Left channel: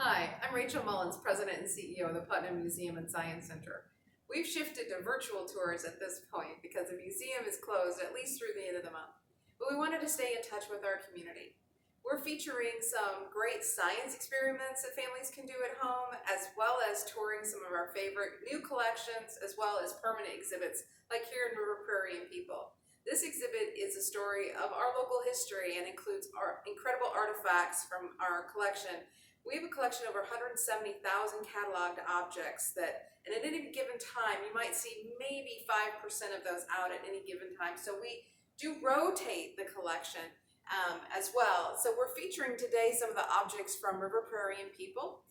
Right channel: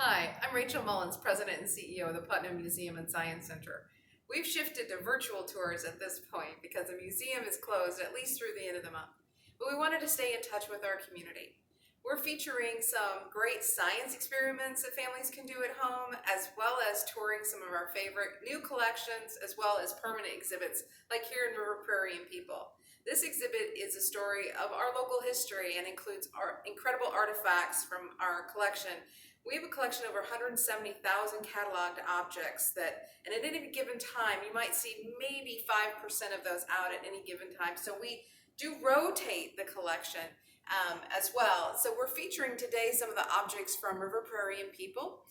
Hi, I'm Rachel Mullins, President and CEO of the Putnam Museum and Science Center. We've shifted to virtual tours at this point because the museum is closed at least through the end of the month, but we wanted to stay in touch with our community. We're featuring some great science experiments that families can do at home, as well as touring some of our favorite new collections, as well as permanent exhibits like here in River Prairie and People. This exhibit is a story of our local history and includes our incredible artifacts from our collection. We have a collection of over 170,000 cataloged objects that, and at any given time, you might see maybe 5% of those out at any given time. So we do rotate the collection as well. So we're featuring today some of the objects from River Prairie and People.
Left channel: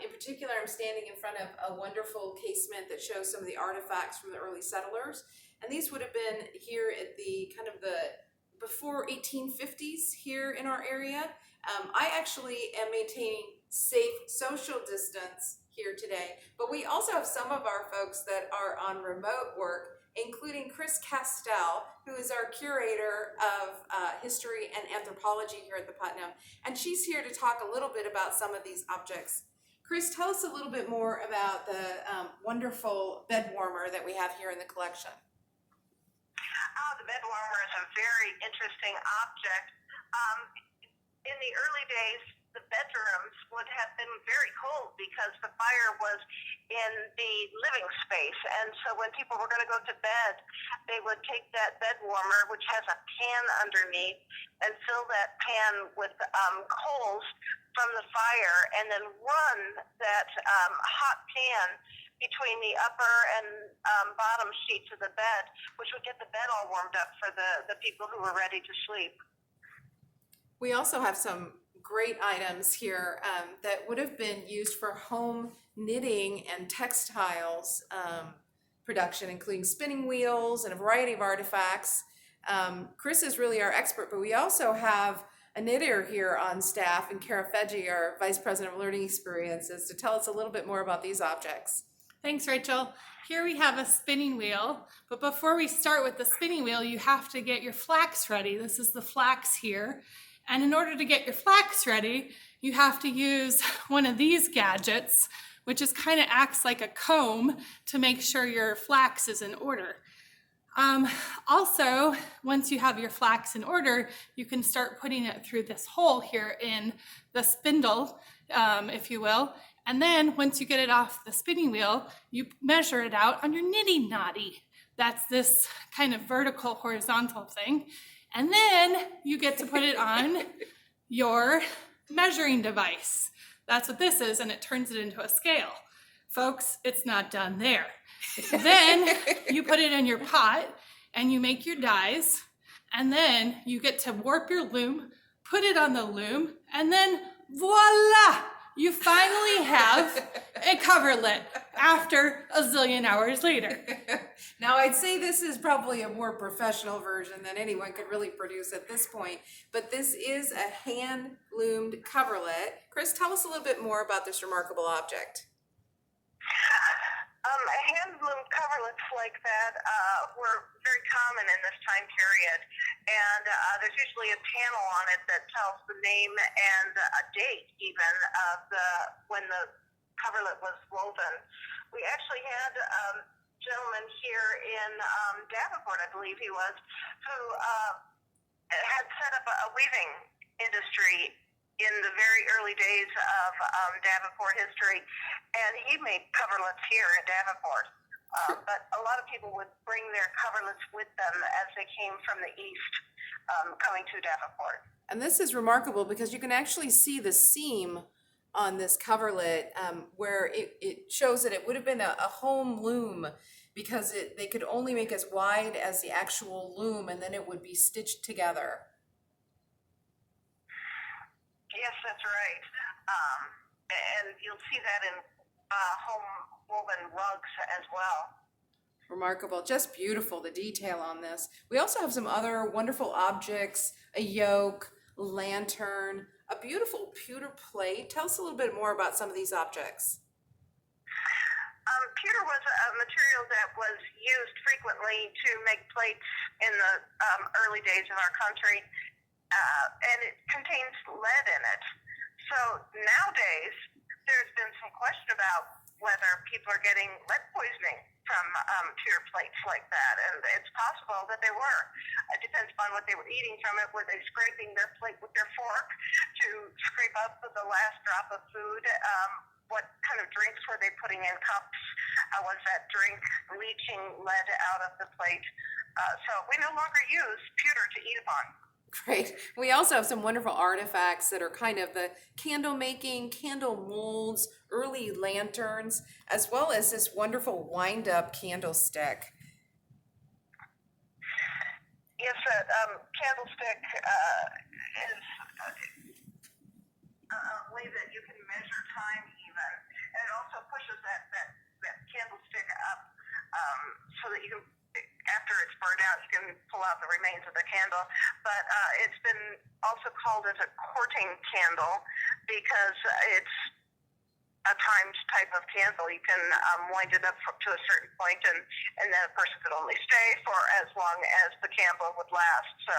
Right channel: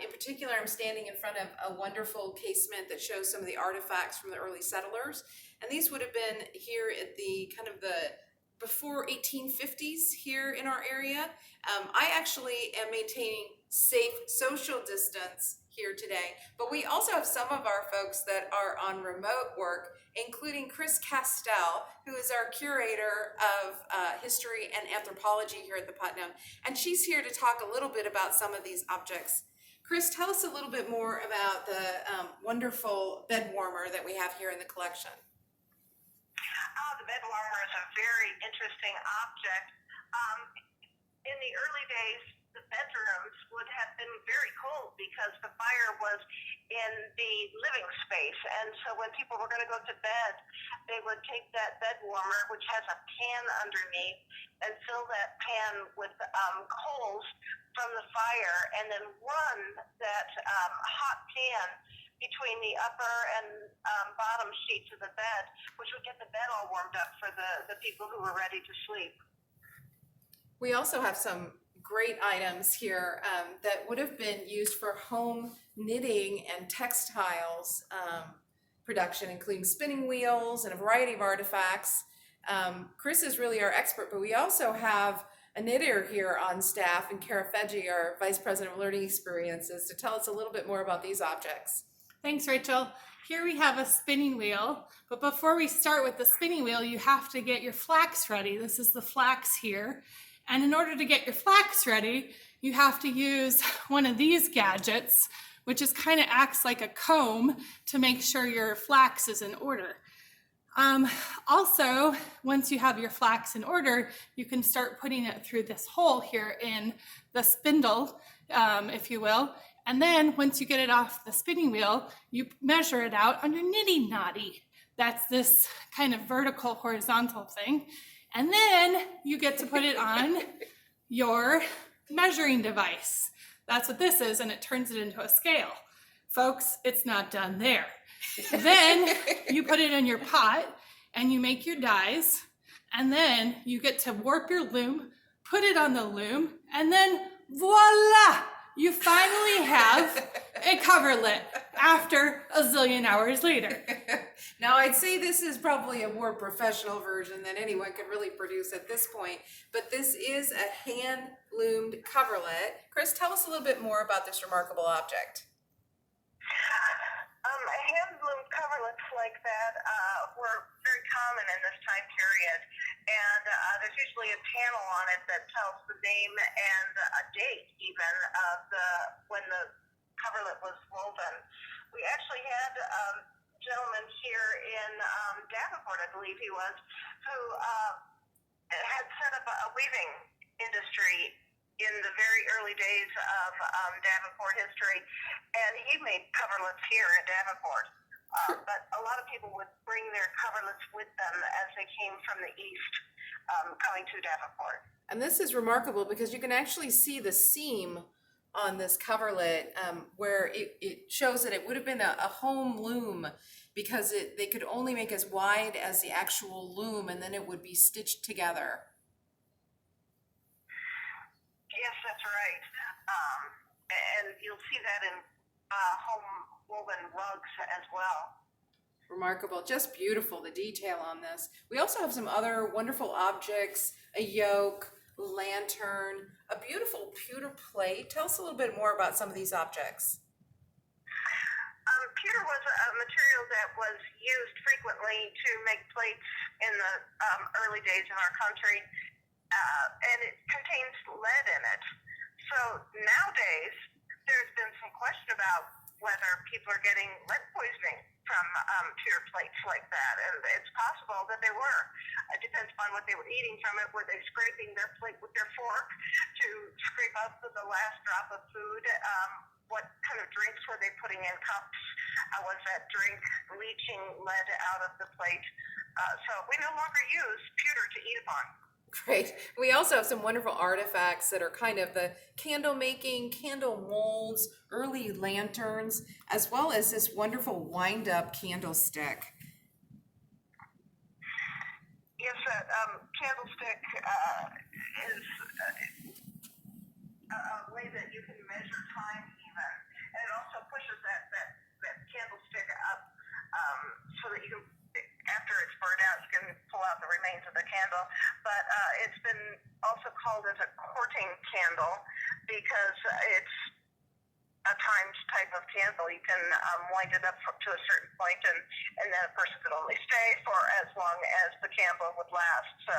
In particular, I'm standing in front of a wonderful casement that shows some of the artifacts from the early settlers. And these would have been here at the kind of the before 1850s here in our area. I actually am maintaining safe social distance here today, but we also have some of our folks that are on remote work, including Chris Castell, who is our curator of history and anthropology here at the Putnam, and she's here to talk a little bit about some of these objects. Chris, tell us a little bit more about the wonderful bed warmer that we have here in the collection. The bed warmer is a very interesting object. In the early days, the bedrooms would have been very cold because the fire was in the living space. And so when people were going to go to bed, they would take that bed warmer, which has a pan underneath, and fill that pan with coals from the fire, and then run that hot pan between the upper and bottom sheets of the bed, which would get the bed all warmed up for the people who were ready to sleep. We also have some great items here that would have been used for home knitting and textiles production, including spinning wheels and a variety of artifacts. Chris is really our expert, but we also have a knitter here on staff, and Kara Feggi, our Vice President of Learning Experiences, to tell us a little bit more about these objects. Thanks, Rachel. Here we have a spinning wheel, but before we start with the spinning wheel, you have to get your flax ready. This is the flax here. And in order to get your flax ready, you have to use one of these gadgets, which is kind of acts like a comb to make sure your flax is in order. Also, once you have your flax in order, you can start putting it through this hole here in the spindle, if you will. And then once you get it off the spinning wheel, you measure it out on your knitting knotty. That's this kind of vertical, horizontal thing. And then you get to put it on your measuring device. That's what this is, and it turns it into a scale. Folks, it's not done there. Then you put it in your pot and you make your dies, and then you get to warp your loom, put it on the loom, and then voila! You finally have a coverlet after a zillion hours later. Now, I'd say this is probably a more professional version than anyone could really produce at this point, but this is a hand-loomed coverlet. Chris, tell us a little bit more about this remarkable object. Hand-loomed coverlets like that were very common in this time period, and there's usually a panel on it that tells the name and a date even of when the coverlet was woven. We actually had a gentleman here in Davenport, I believe he was, who had set up a weaving industry in the very early days of Davenport history, and he made coverlets here in Davenport. But a lot of people would bring their coverlets with them as they came from the east, coming to Davenport. And this is remarkable because you can actually see the seam on this coverlet where it shows that it would have been a home loom, because they could only make as wide as the actual loom, and then it would be stitched together. Yes, that's right. And you'll see that in home woven rugs as well. Remarkable, just beautiful, the detail on this. We also have some other wonderful objects, a yoke, lantern, a beautiful pewter plate. Tell us a little bit more about some of these objects. Pewter was a material that was used frequently to make plates in the early days of our country, and it contains lead in it. So nowadays, whether people are getting lead poisoning from pewter plates like that, and it's possible that they were. It depends upon what they were eating from it. Were they scraping their plate with their fork to scrape up the last drop of food? What kind of drinks were they putting in cups? Was that drink leaching lead out of the plate? So we no longer use pewter to eat upon. Great. We also have some wonderful artifacts that are kind of the candle making, candle molds, early lanterns, as well as this wonderful wind up candlestick. Yes, that candlestick is a way that you can measure time even. And it also pushes that candlestick up so that you can, after it's burned out, you can pull out the remains of the candle. But it's been also called as a courting candle because it's a timed type of candle. You can wind it up to a certain point, and then a person could only stay for as long as the candle would last. So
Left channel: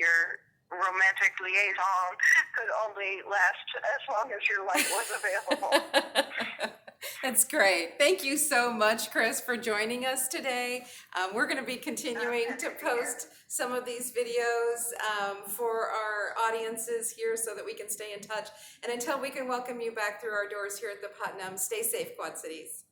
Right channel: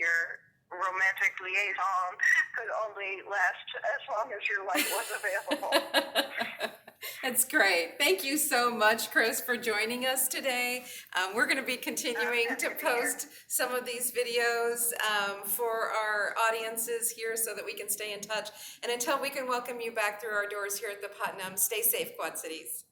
your romantic liaison could only last as long as your light was available. That's great. Thank you so much, Chris, for joining us today. We're going to be continuing to post some of these videos for our audiences here so that we can stay in touch. And until we can welcome you back through our doors here at the Putnam, stay safe, Quad Cities.